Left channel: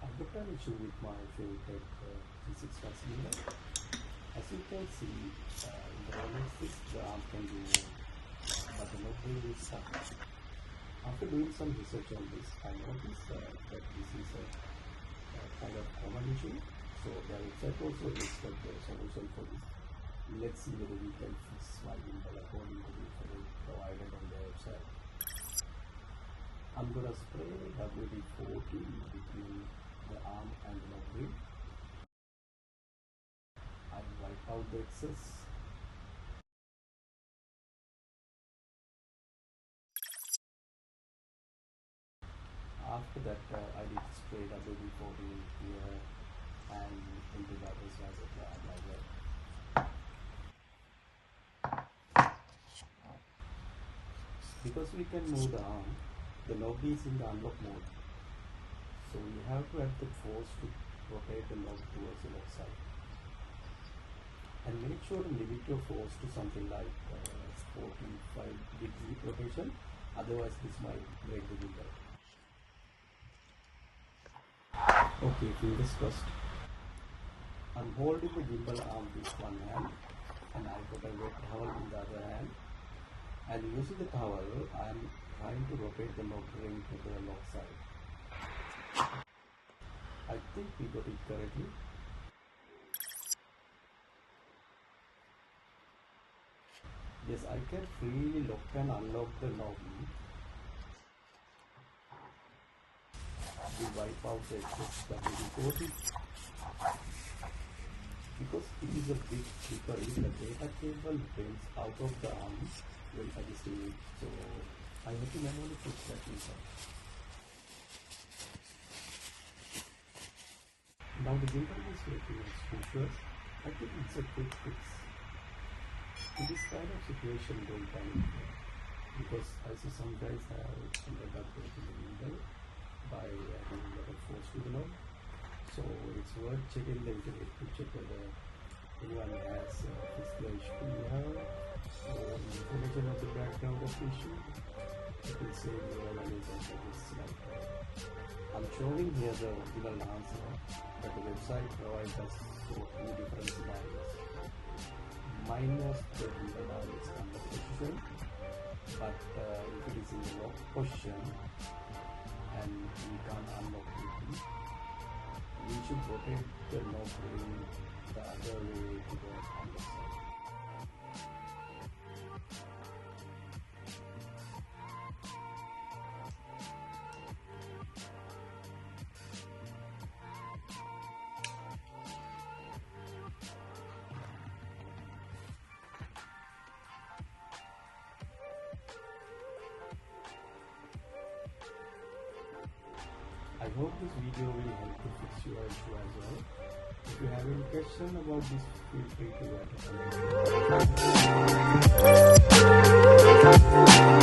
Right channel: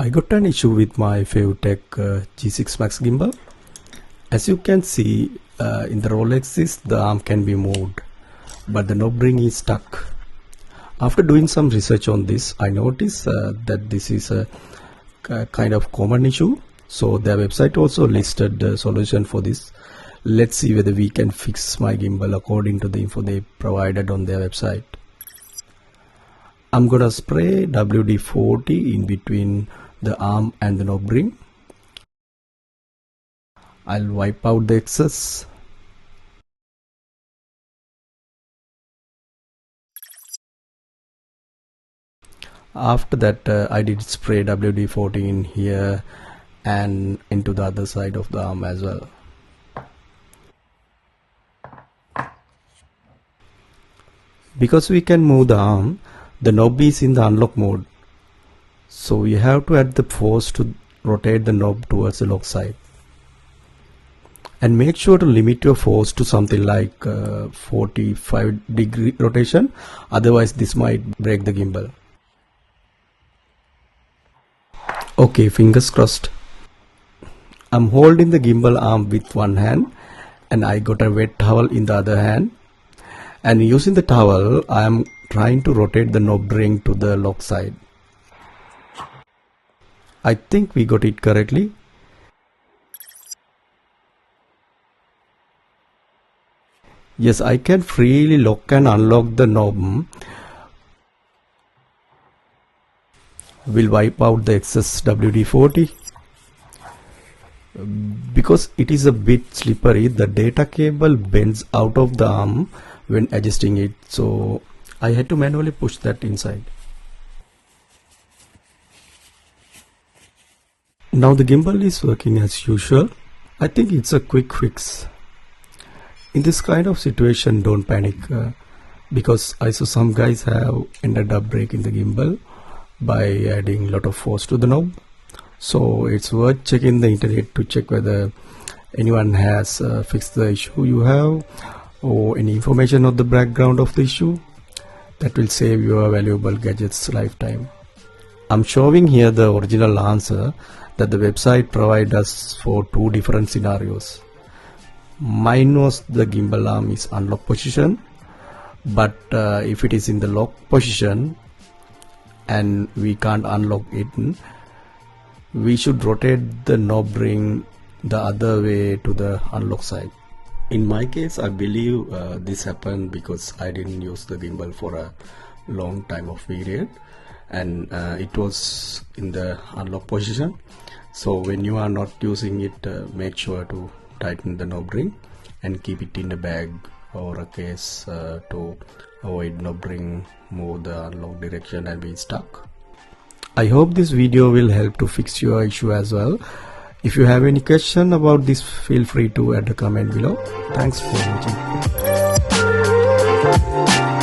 I got an issue with my FeiyuTech G6 Max gimbal. As you can see, in the roll axis the arm can be moved, but the knob ring is stuck. After doing some research on this, I noticed that this is a kind of common issue. So their website also listed the solution for this. Let's see whether we can fix my gimbal according to the info they provided on their website. I'm gonna spray WD-40 in between the arm and the knob ring. I'll wipe out the excess. After that, I did spray WD-40 in here and into the other side of the arm as well. Because we can move the arm, the knob is in the unlock mode, so we have to add the force to rotate the knob towards the lock side. And make sure to limit your force to something like 45-degree rotation, otherwise this might break the gimbal. Okay, fingers crossed. I'm holding the gimbal arm with one hand and I got a wet towel in the other hand, and using the towel I am trying to rotate the knob ring to the lock side. I think we got it correctly. Yes, I can freely lock and unlock the knob. We'll wipe out the excess WD-40. Because it is a bit slippery, the data cable bends out of the arm when adjusting it, so I had to manually push that inside. Now the gimbal is working as usual. I think it's a quick fix. In this kind of situation, don't panic, because I saw some guys have ended up breaking the gimbal by adding a lot of force to the knob. So it's worth checking the internet to check whether anyone has fixed the issue you have, or any information on the background of the issue. That will save your valuable gadget's lifetime. I'm showing here the original answer that the website provides us for two different scenarios. Mine was the gimbal arm is unlock position, but if it is in the lock position and we can't unlock it, we should rotate the knob ring the other way to the unlock side. In my case, I believe this happened because I didn't use the gimbal for a long time of period, and it was in the unlock position. So when you are not using it, make sure to tighten the knob ring and keep it in a bag or a case to avoid knob ring move the unlock direction and be stuck. I hope this video will help to fix your issue as well. If you have any question about this, feel free to add a comment below. Thanks for watching.